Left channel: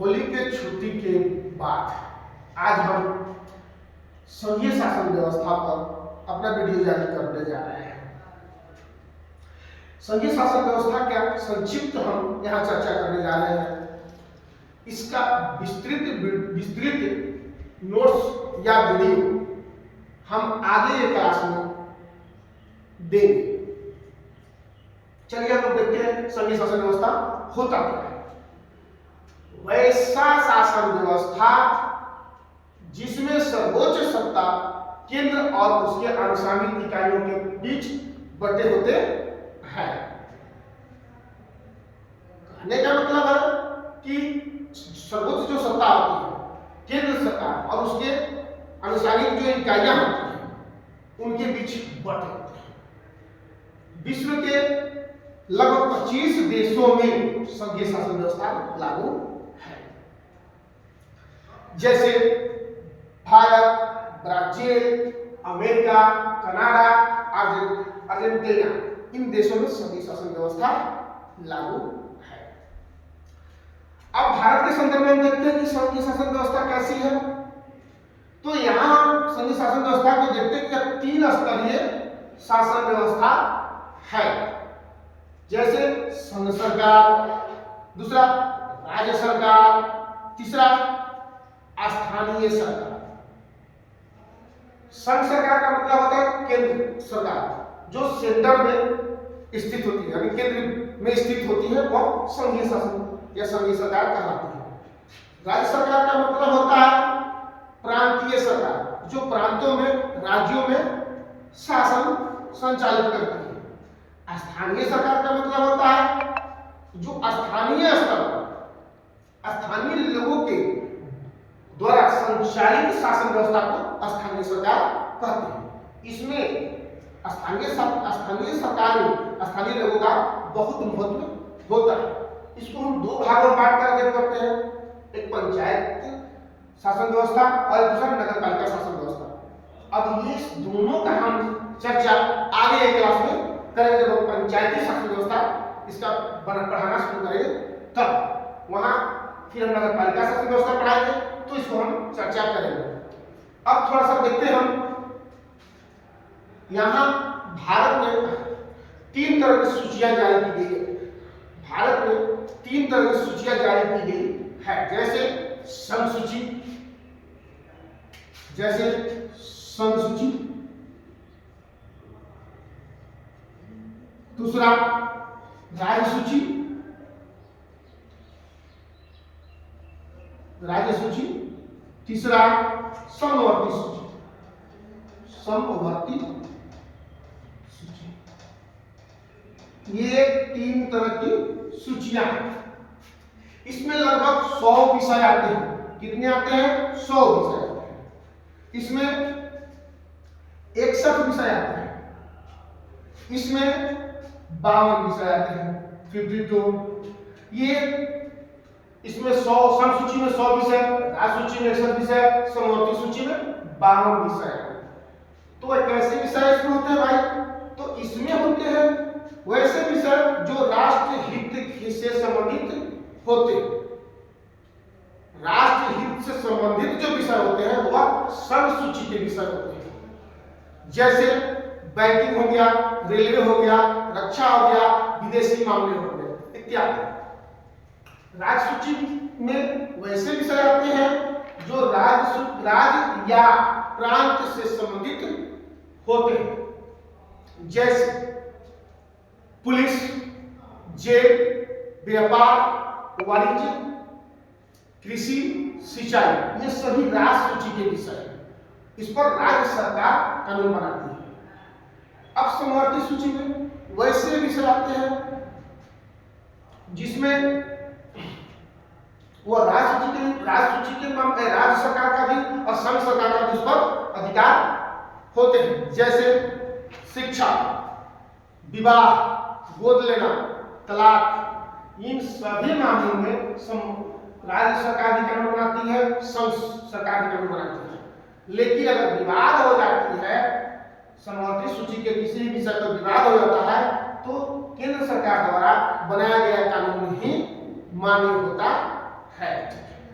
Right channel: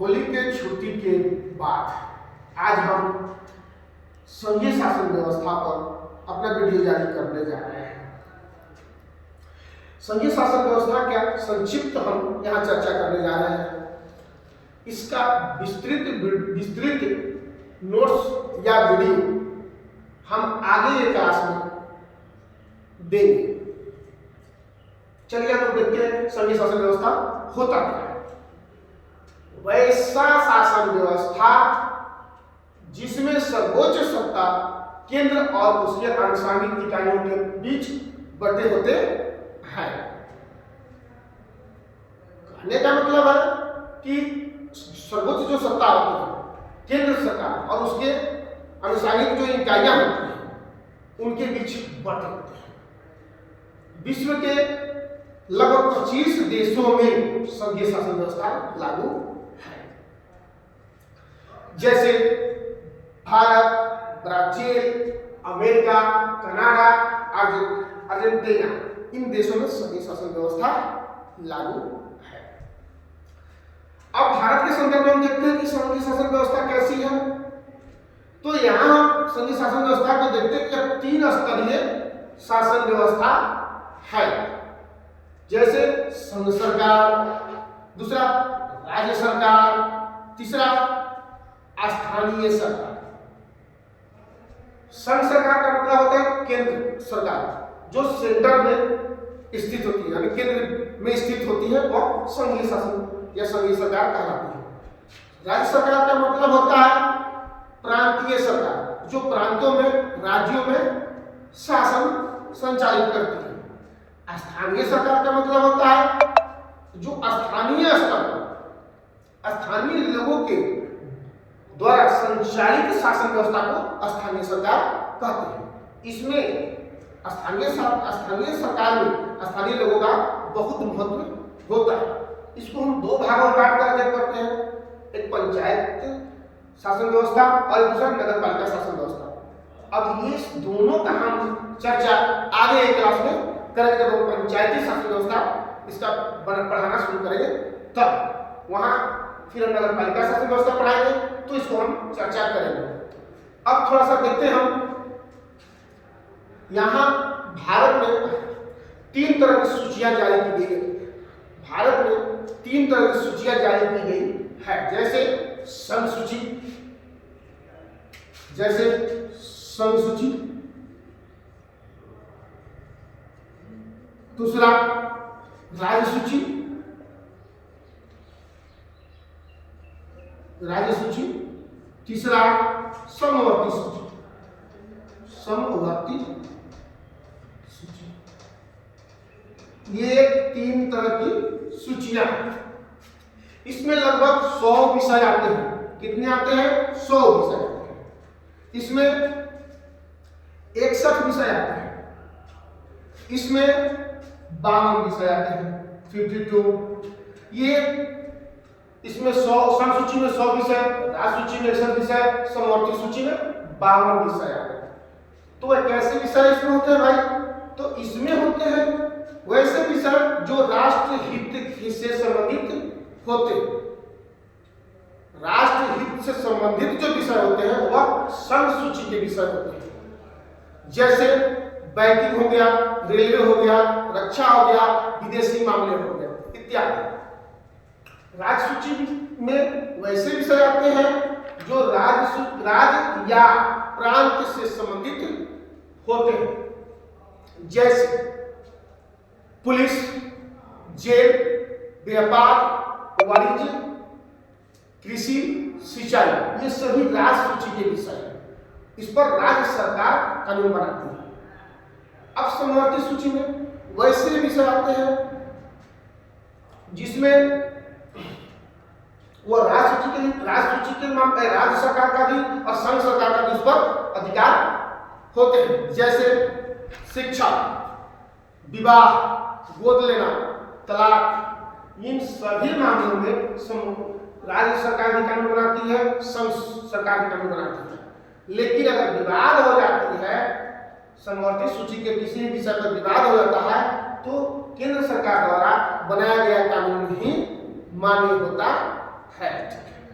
होली के छुट्टी के बाद आज हम संघीय शासन व्यवस्था पर अपना वीडियो जारी करने जा रहे हैं। संघीय शासन व्यवस्था का संक्षिप्त हम यहाँ चर्चा करने जा रहे हैं। इसका विस्तृत नोट्स या वीडियो हम आगे के क्लास में देंगे। चलिए हम लोग देखते हैं संघीय शासन व्यवस्था होता क्या है। वैसा शासन व्यवस्था जिसमें सर्वोच्च सत्ता केंद्र और उसके आनुषंगिक इकाइयों के बीच बटे होते हैं। कहने का मतलब है कि सर्वोच्च जो सत्ता होती है केंद्र सरकार और उसके आनुषंगिक जो इकाइयां होती हैं उनके बीच बटे होते हैं। विश्व के लगभग 25 देशों में संघीय शासन व्यवस्था लागू है, जैसे Bharat, Brazil, America, Canada, Argentina. इन देशों में संघीय शासन व्यवस्था लागू है। अब भारत के संदर्भ में हम देखते हैं कि संघीय शासन व्यवस्था कैसी है। तो यहाँ संघीय शासन व्यवस्था को देखते हैं कि 3 स्तरीय शासन व्यवस्था है, जैसे संघ सरकार, दूसरा राज्य सरकार, तीसरा स्थानीय सरकार। संघ सरकार का मतलब होता है केंद्र सरकार जो सेंटर में स्थित होती है, यानी केंद्र में स्थित होती है, वो संघीय शासन या संघीय सरकार कहलाती है। राज्य सरकार का मतलब होता है प्रांतीय सरकार जो प्रांतों में, राज्यों में शासन संचालित करती है। स्थानीय सरकार का मतलब होता है जो स्थानीय स्तर पर स्थानीय लोगों के द्वारा संचालित शासन व्यवस्था को स्थानीय सरकार कहते हैं। इसमें स्थानीय सरकार में स्थानीय लोगों का बहुत महत्व होता है। इसको हम 2 भागों में बांट करके करते हैं, एक पंचायत शासन व्यवस्था और दूसरा नगर पालिका शासन व्यवस्था। अब ये दोनों का हम चर्चा आगे एक क्लास में करेंगे। जब हम पंचायती शासन व्यवस्था इसका पढ़ाना शुरू करेंगे तब वहां फिर हम नगर पालिका शासन व्यवस्था पढ़ाएंगे, तो इसको हम चर्चा करेंगे। अब थोड़ा सा देखते हैं हम यहाँ भारत में 3 तरह की सूचियां जारी की गई है। भारत में 3 तरह की सूचियां जारी की गई है, जैसे संघ सूची, दूसरा राज्य सूची, तीसरा समवर्ती सूची। ये 3 तरह की सूचियां हैं। इसमें लगभग 100 विषय आते हैं। कितने आते हैं? 100 विषय आते हैं। इसमें 61 विषय आते हैं। इसमें 52 विषय आते हैं, 52। ये इसमें 100 संघ सूची में 100 विषय, राज्य सूची में 61 विषय, समवर्ती सूची में 52 विषय आते हैं। तो कैसे विषय इसमें होते हैं भाई? तो इसमें होते हैं वैसे विषय जो राष्ट्र हित से संबंधित होते हैं। राष्ट्र हित से संबंधित जो विषय होते हैं वह संघ सूची के विषय होते हैं, जैसे बैंकिंग हो गया, रेलवे हो गया, रक्षा हो गया, विदेशी मामले हो गए इत्यादि। राज्य सूची में वैसे विषय आते हैं जो राज्य या प्रांत से संबंधित होते हैं, जैसे पुलिस, जेल, व्यापार, वाणिज्य, कृषि, सिंचाई। ये सभी राज्य सूची के विषय हैं। इस पर राज्य सरकार कानून बनाती है। अब समवर्ती सूची में वैसे विषय आते हैं जिसमें वह राज्य सूची के मामले राज्य सरकार का भी और संघ सरकार का भी उस पर अधिकार होते हैं, जैसे शिक्षा, विवाह, गोद लेना, तलाक। इन सभी मामलों में राज्य सरकार भी कानून बनाती है, संघ सरकार भी कानून बनाती है। लेकिन अगर विवाद हो जाती है, समवर्ती सूची के किसी भी विषय पर विवाद हो जाता है, तो केंद्र सरकार द्वारा बनाया गया कानून ही मान्य होता है।